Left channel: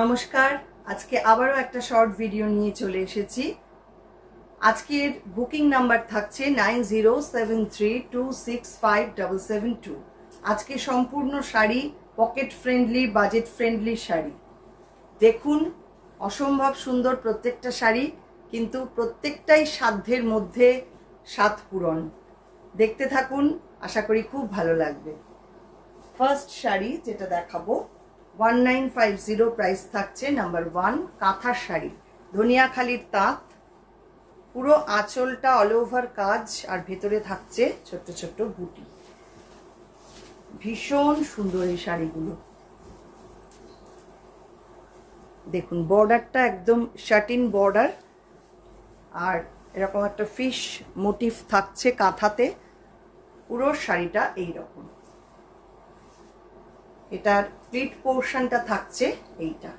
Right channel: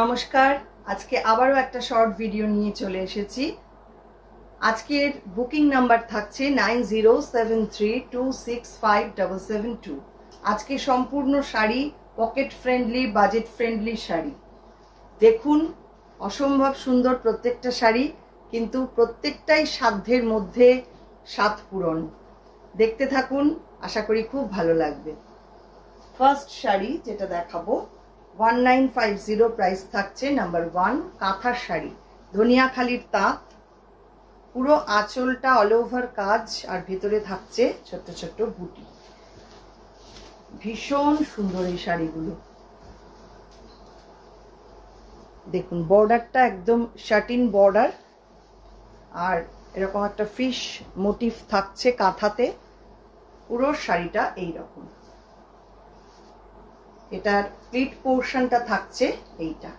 নমস্কার, আজকে আবারও একটা শর্ট ভিডিও নিয়ে চলে এসেছি। আজকের বুকিং নাম্বার থাকছে 9073265772। আজকে সম্পূর্ণ sari pocket friendly, budget friendly sari. দেখুন, অসম্ভব সুন্দর প্রত্যেকটা শাড়ি, কিন্তু প্রত্যেকটাই সাধ্যের মধ্যে স্বাদ পূরণ। দেখতে থাকুন, আশা করি খুব ভালো লাগবে। ফার্স্ট শাড়ি যেটা দেখাবো 1950 প্রাইস থাকছে। নাম্বার 1 কাঁথার শাড়ি, ধনিয়াখালির তাঁত, পুরো আঁচলটা অল ওভার কাজ আর ভেতরে থাকছে ছোট্ট ছোট্ট বুটি। ভীষণ সুন্দর এই শাড়িগুলো। দেখুন বর্ডারটা একদম শাটিন বর্ডার, আর এরকম একটা ফিশ মোটিভ থাকছে কাঁথাতে। পুরো শাড়িটা এইরকম। এটার প্লিট পোর্শনটা থাকছে এইটা।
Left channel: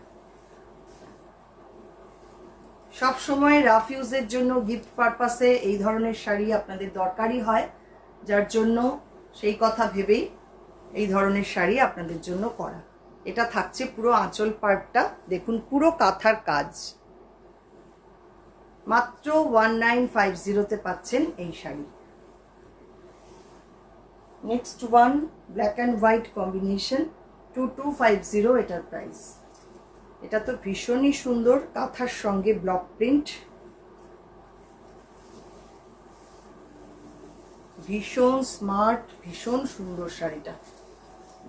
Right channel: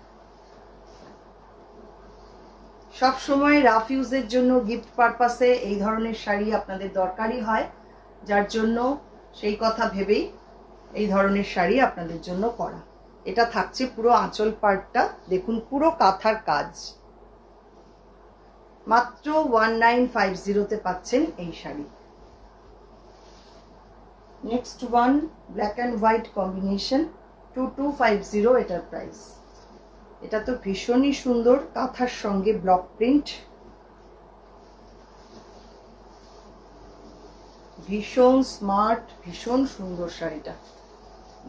সব সময় রাফ ইউজের জন্য, গিফট পারপাসে এই ধরনের শাড়ি আপনাদের দরকারই হয়, যার জন্য সেই কথা ভেবেই এই ধরনের শাড়ি আপনাদের জন্য করা। এটা থাকছে পুরো আঁচল পার্টটা, দেখুন পুরো কাঁথার কাজ। মাত্র 1950 পাচ্ছেন এই sari. Next one black and white combination, 2250 এটার প্রাইস। এটা তো ভীষণই সুন্দর, কাঁথার সঙ্গে ব্লক প্রিন্ট, ভীষণ স্মার্ট, ভীষণ সুন্দর শাড়িটা।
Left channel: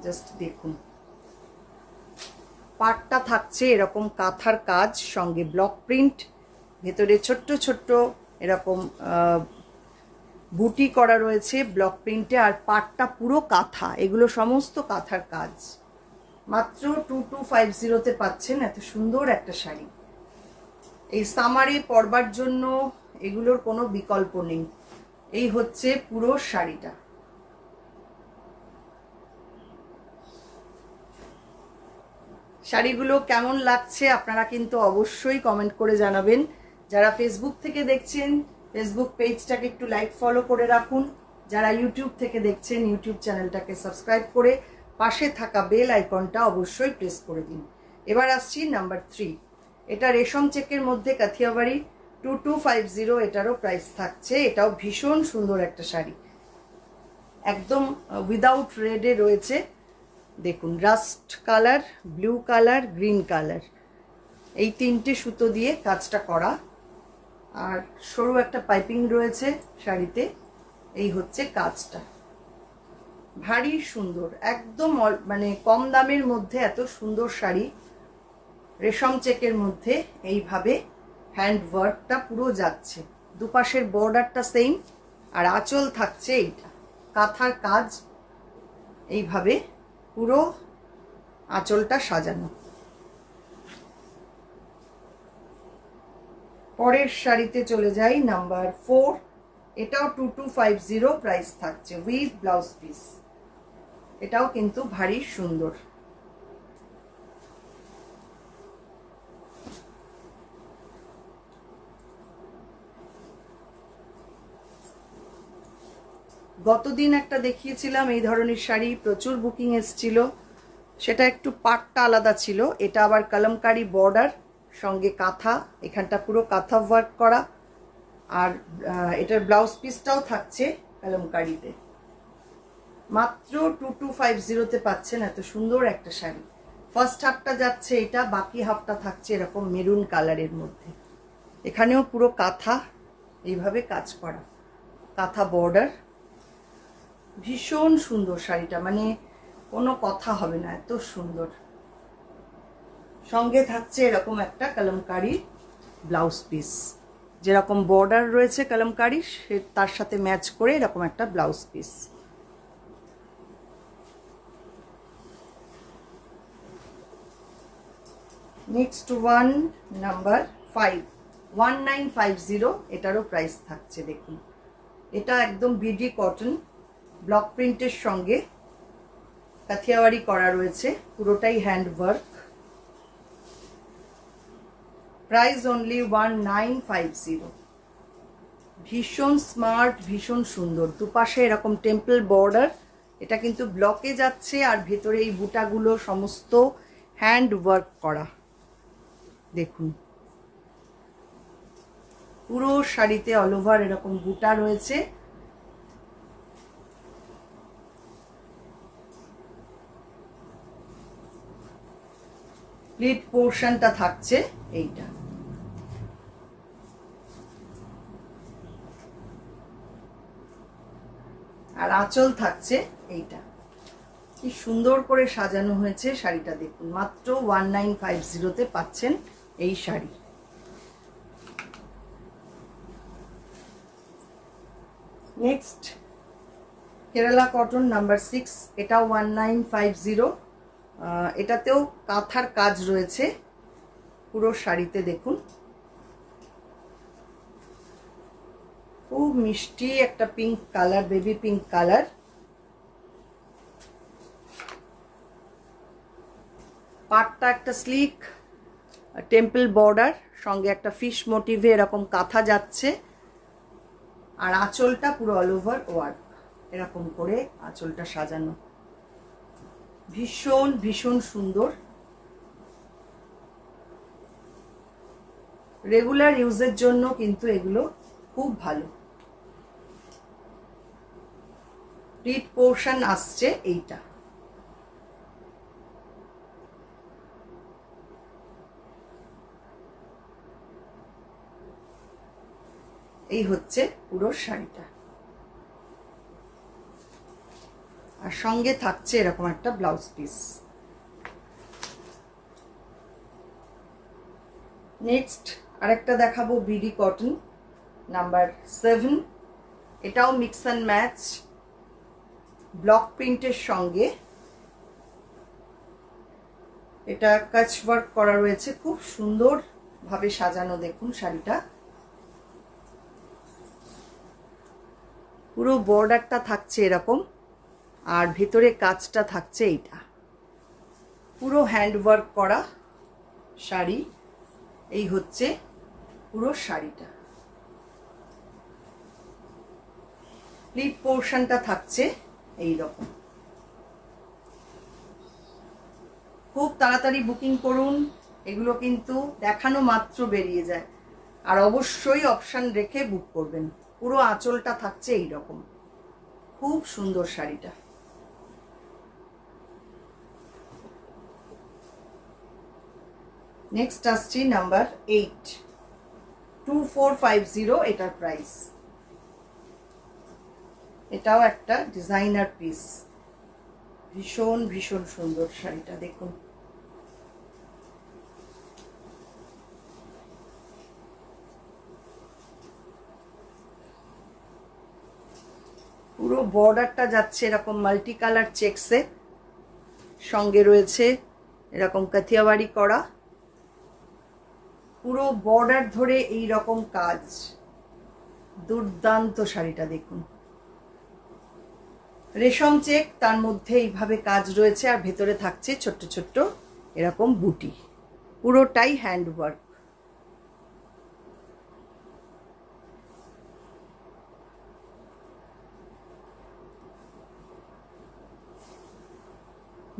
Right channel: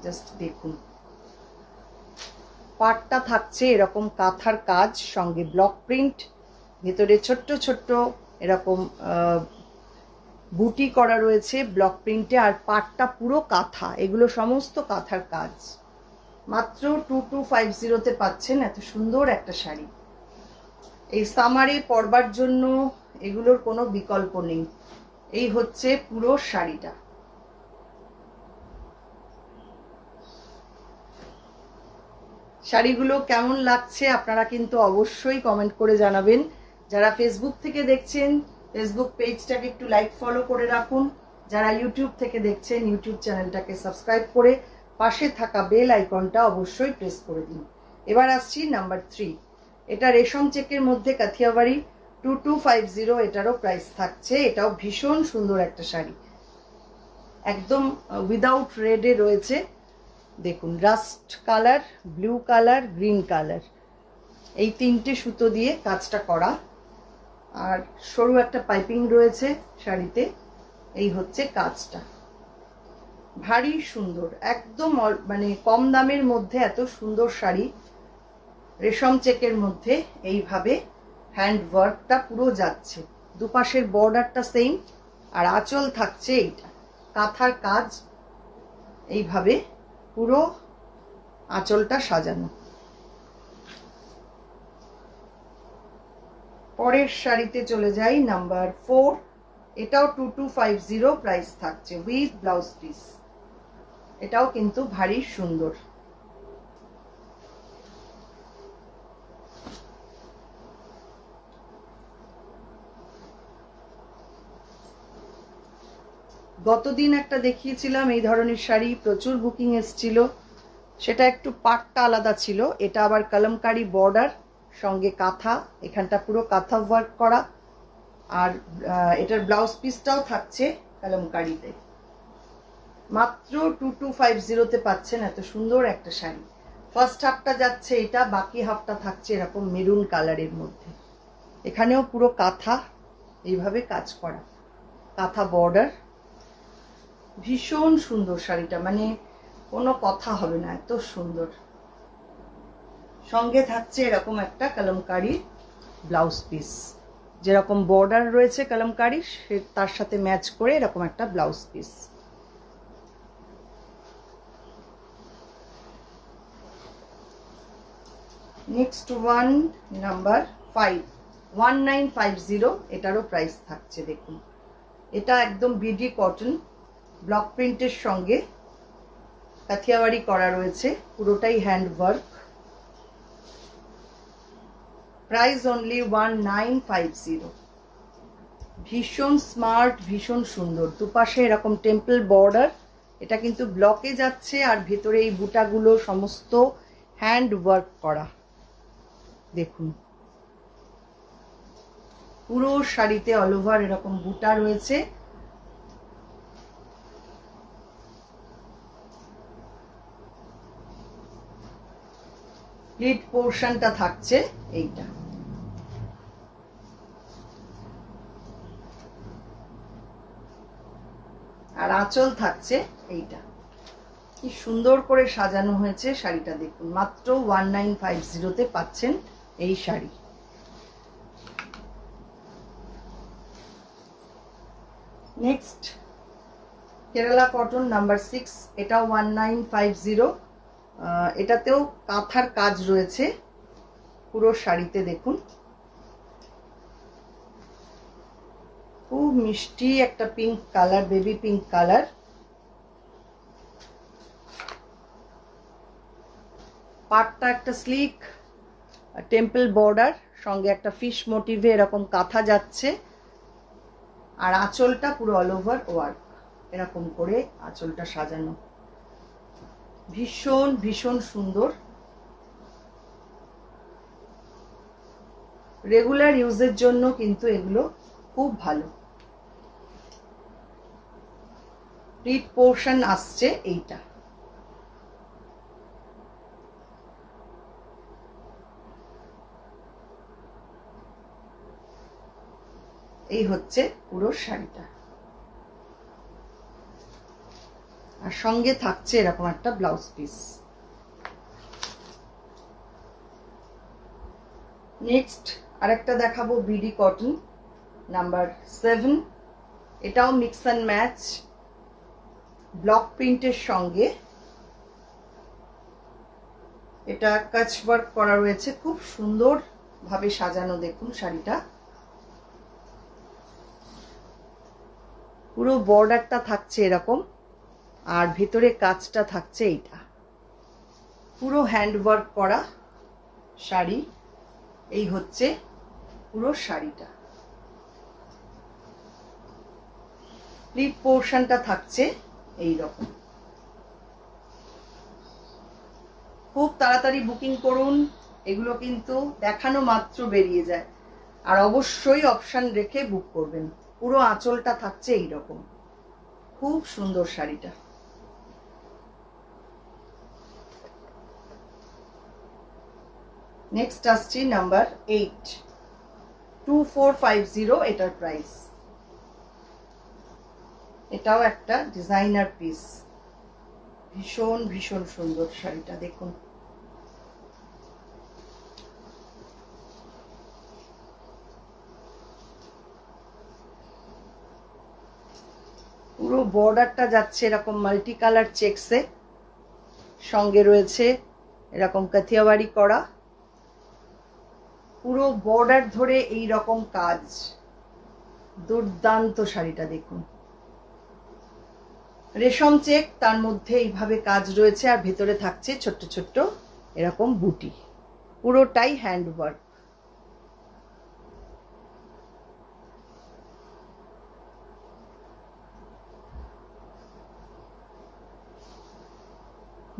জাস্ট দেখুন, পাটটা থাকছে এরকম কাঁথার কাজ, সঙ্গে ব্লক প্রিন্ট, ভেতরে ছোট্ট ছোট্ট এরকম বুটি করা রয়েছে ব্লক প্রিন্টে, আর পাটটা পুরো কাঁথা। এগুলো সমস্ত কাঁথার কাজ। মাত্র 2250 পাচ্ছেন এত সুন্দর একটা শাড়ি। এই সামারে পরবার জন্য এগুলোর কোনো বিকল্প নেই। এই হচ্ছে পুরো শাড়িটা। শাড়িগুলো কেমন লাগছে আপনারা কিন্তু অবশ্যই কমেন্ট করে জানাবেন। যারা ফেসবুক থেকে দেখছেন, ফেসবুক পেজটাকে একটু লাইক ফলো করে রাখুন। যারা ইউটিউব থেকে দেখছেন, ইউটিউব চ্যানেলটাকে সাবস্ক্রাইব করে পাশে থাকা বেল আইকনটা অবশ্যই প্রেস করে দিন। এবার আসছি নাম্বার 3। এটা রেশম চেকের মধ্যে কাথিয়াবাড়ি, 2250 এটারও প্রাইস থাকছে। এটাও ভীষণ সুন্দর একটা শাড়ি, একদম উইদাউট রেডে রয়েছে। দেখুন rushed colour, blue colour, green colour, এই তিনটে সুতো দিয়ে কাজটা করা, আর সরু একটা পাইপিং রয়েছে শাড়িতে। এই হচ্ছে কাজটা, ভারী সুন্দর, একদম মানে কম দামের মধ্যে এত সুন্দর শাড়ি। রেশম চেকের মধ্যে এইভাবে হ্যান্ড ওয়ার্কটা পুরো যাচ্ছে, দুপাশের বর্ডারটা সেম, আর আঁচল থাকছে এইটা কাঁথার কাজ। এইভাবে পুরো আঁচলটা সাজানো। পরের শাড়িতে চলে যাই, নাম্বার 4। এটাও 2250 প্রাইস থাকছে, উইথ ব্লাউজ পিস। এটাও কিন্তু ভারী সুন্দর। গতদিন একটা দেখিয়েছিলাম এই ধরনের শাড়ি, প্রচুর বুকিং এসেছিল। সেটা একটু পাটটা আলাদা ছিল, এটা আবার কলমকারি বর্ডার, সঙ্গে কাঁথা, এখানটা পুরো কাঁথা ওয়ার্ক করা, আর এটার ব্লাউজ পিসটাও থাকছে কলমকারিতে। মাত্র 2250 পাচ্ছেন এত সুন্দর একটা শাড়ি। ফার্স্ট হাফটা যাচ্ছে এটা, বাকি হাফটা থাকছে এরকম মেরুন কালারের মধ্যে। এখানেও পুরো কাঁথা এইভাবে কাজ করা, কাঁথা বর্ডার। ভীষণ সুন্দর শাড়িটা, মানে কোনো কথা হবে না, এত সুন্দর। সঙ্গে থাকছে এরকম একটা কলমকারি ব্লাউজ পিস, যেরকম বর্ডার রয়েছে কলমকারি, তার সাথে ম্যাচ করে এরকম একটা blouse piece. Next one number 5, 1950 এটারও প্রাইস থাকছে। দেখুন এটা একদম বিডি কটন, ব্লক প্রিন্টের সঙ্গে কাথিয়াওয়াড়ি করা রয়েছে, পুরোটাই হ্যান্ড ওয়ার্ক। Price only 1950। ভীষণ স্মার্ট, ভীষণ সুন্দর, দুপাশে এরকম টেম্পল বর্ডার। এটা কিন্তু ব্লকে যাচ্ছে, আর ভেতরে এই বুটাগুলো সমস্ত হ্যান্ড ওয়ার্ক করা। দেখুন পুরো শাড়িতে অল ওভার এরকম বুটা রয়েছে। প্লিট পোর্শনটা থাকছে এইটা, আর আঁচল থাকছে এইটা। কি সুন্দর করে সাজানো হয়েছে শাড়িটা দেখুন, মাত্র 1950 তে পাচ্ছেন এই sari. Next Kerala cotton number 6, এটাও 1950। এটাতেও কাঁথার কাজ রয়েছে পুরো শাড়িতে। দেখুন খুব মিষ্টি একটা pink colour, baby pink colour. পাটটা একটা স্লিক টেম্পল বর্ডার, সঙ্গে একটা ফিশ মোটিভে এরকম কাঁথা যাচ্ছে, আর আঁচলটা পুরো অল ওভার ওয়ার্ক এরকম করে আঁচলটা সাজানো। ভীষণ ভীষণ সুন্দর, রেগুলার ইউজের জন্য কিন্তু এগুলো খুব ভালো। প্লিট পোর্শন আসছে এইটা, এই হচ্ছে পুরো শাড়িটা, আর সঙ্গে থাকছে এরকম একটা ব্লাউজ পিস। নেক্সট আরেকটা দেখাবো বিডি কটন নাম্বার 7। এটাও মিক্স অ্যান্ড ম্যাচ ব্লক প্রিন্টের সঙ্গে এটা কাচ ওয়ার্ক করা রয়েছে, খুব সুন্দর ভাবে সাজানো। দেখুন শাড়িটা পুরো বর্ডারটা থাকছে এরকম, আর ভেতরে কাজটা থাকছে এইটা। পুরো হ্যান্ড ওয়ার্ক করা শাড়ি, এই হচ্ছে পুরো শাড়িটা। প্লিট পোর্শনটা থাকছে এই রকম। খুব তাড়াতাড়ি বুকিং করুন, এগুলো কিন্তু দেখানো মাত্র বেরিয়ে যায়, আর অবশ্যই অপশন রেখে বুক করবেন। পুরো আঁচলটা থাকছে এই রকম, খুব সুন্দর শাড়িটা। নেক্সট আসছি নাম্বার 8, 2450 এটার প্রাইস। এটাও একটা ডিজাইনার পিস, ভীষণ ভীষণ সুন্দর শাড়িটা দেখুন। পুরো বর্ডারটা যাচ্ছে এরকম মাল্টি কালার চেকসে, সঙ্গে রয়েছে এরকম কাথিয়াবাড়ি করা, পুরো বর্ডার ধরে এই রকম কাজ। দুর্দান্ত শাড়িটা দেখুন, রেশম চেক, তার মধ্যে এইভাবে কাজ রয়েছে, আর ভেতরে থাকছে ছোট্ট ছোট্ট এরকম বুটি, পুরোটাই হ্যান্ড ওয়ার্ক।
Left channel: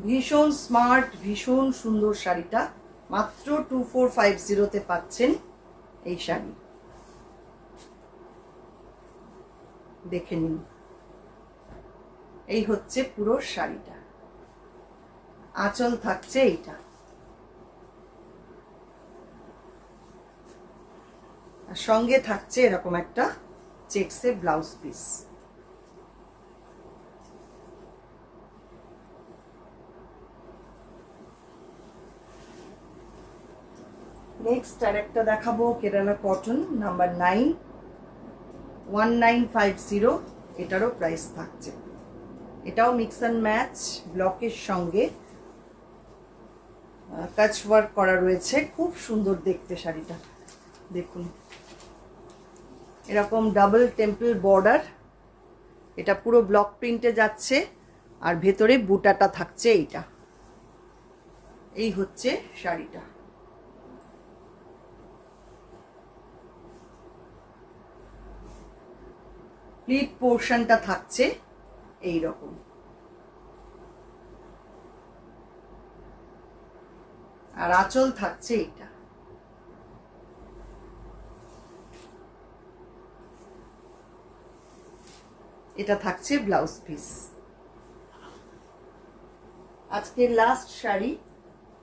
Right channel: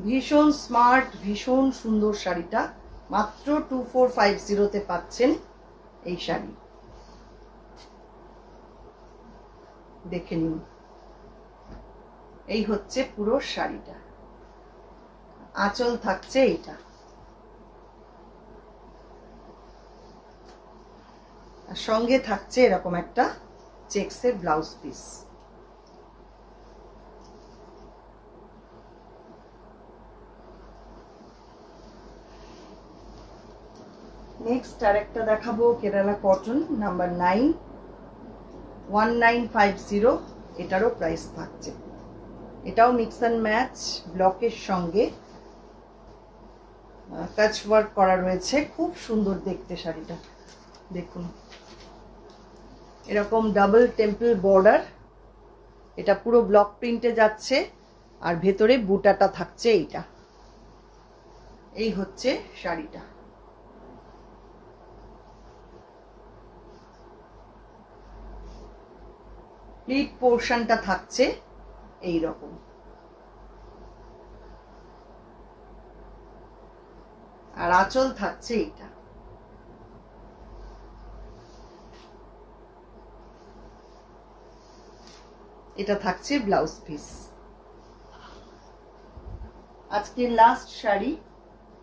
ভীষণ স্মার্ট, ভীষণ সুন্দর শাড়িটা, মাত্র 2450 তে পাচ্ছেন এই শাড়ি। দেখে নিন, এই হচ্ছে পুরো শাড়িটা, আঁচল থাকছে এইটা, আর সঙ্গে থাকছে এরকম একটা চেকসের ব্লাউজ পিস। নেক্সট আরেকটা দেখাবো কেরালা কটন নাম্বার 9, 1950 এটারও প্রাইস থাকছে। এটাও মিক্স অ্যান্ড ম্যাচ ব্লকের সঙ্গে কাচ ওয়ার্ক করা রয়েছে, খুব সুন্দর দেখতে শাড়িটা দেখুন। এরকম ডাবল টেম্পল বর্ডার, এটা পুরো ব্লক প্রিন্টে যাচ্ছে, আর ভেতরে বুটাটা থাকছে এইটা। এই হচ্ছে শাড়িটা। প্লিট পোর্শনটা থাকছে এই রকম, আর আঁচল থাকছে এইটা। এটা থাকছে ব্লাউজ পিস। আজকের লাস্ট শাড়ি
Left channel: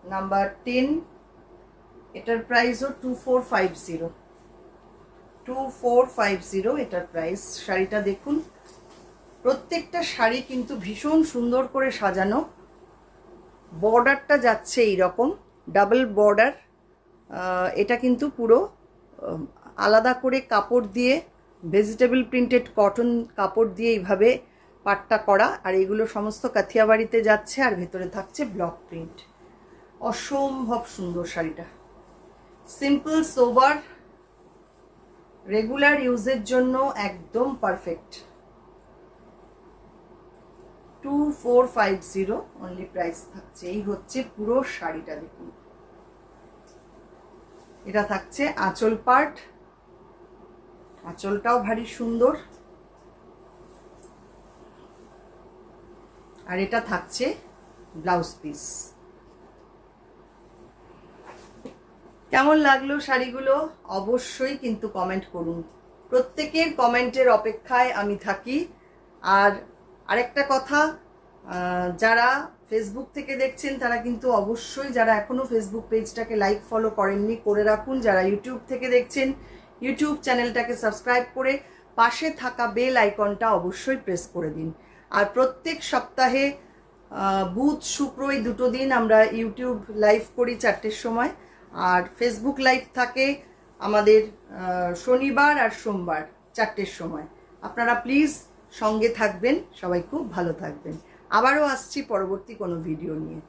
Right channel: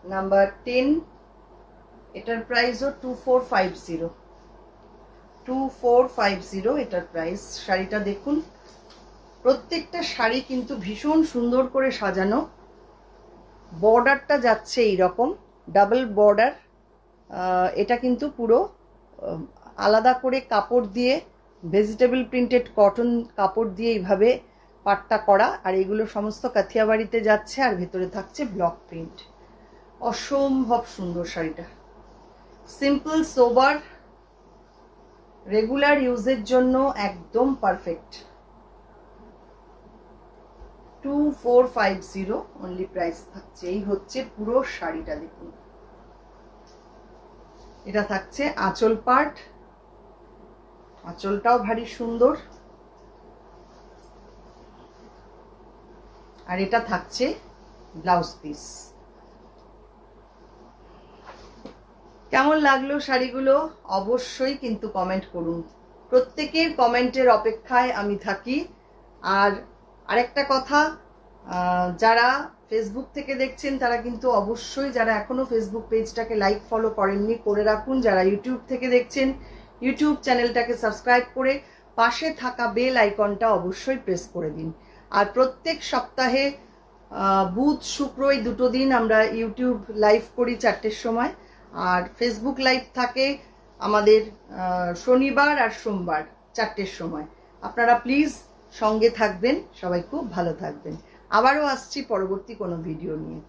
নাম্বার 10, এটার প্রাইসও 2450, 2450 এটার প্রাইস। শাড়িটা দেখুন, প্রত্যেকটা শাড়ি কিন্তু ভীষণ সুন্দর করে সাজানো। বর্ডারটা যাচ্ছে এইরকম ডাবল বর্ডার। এটা কিন্তু পুরো আলাদা করে কাপড় দিয়ে, ভেজিটেবল প্রিন্টেড কটন কাপড় দিয়ে এইভাবে পাটটা করা, আর এগুলো সমস্ত কাথিয়াবাড়িতে যাচ্ছে, আর ভেতরে থাকছে ব্লক প্রিন্ট। অসম্ভব সুন্দর শাড়িটা, সিম্পল সোবার, রেগুলার ইউজের জন্য একদম পারফেক্ট। 2450 অনলি প্রাইস থাকছে। এই হচ্ছে পুরো শাড়িটা, দেখুন। এটা থাকছে আঁচল পার্ট, আঁচলটাও ভারী সুন্দর, আর এটা থাকছে ব্লাউজ পিস। কেমন লাগলো শাড়িগুলো অবশ্যই কিন্তু কমেন্ট করুন। প্রত্যেকের কমেন্টের অপেক্ষায় আমি থাকি। আর আরেকটা কথা, যারা ফেসবুক থেকে দেখছেন তারা কিন্তু অবশ্যই, যারা এখনো ফেসবুক পেজটাকে লাইক ফলো করেননি, করে রাখুন। যারা ইউটিউব থেকে দেখছেন, ইউটিউব চ্যানেলটাকে সাবস্ক্রাইব করে পাশে থাকা বেল আইকনটা অবশ্যই প্রেস করে দিন। আর প্রত্যেক সপ্তাহে বুধ শুক্র এই দুটো দিন আমরা ইউটিউব লাইভ করি 4টের সময়, আর ফেসবুক লাইভ থাকে আমাদের শনিবার আর সোমবার 4টের সময়। আপনারা প্লিজ সঙ্গে থাকবেন, সবাই খুব ভালো থাকবেন। আবারও আসছি পরবর্তী কোনো ভিডিও নিয়ে।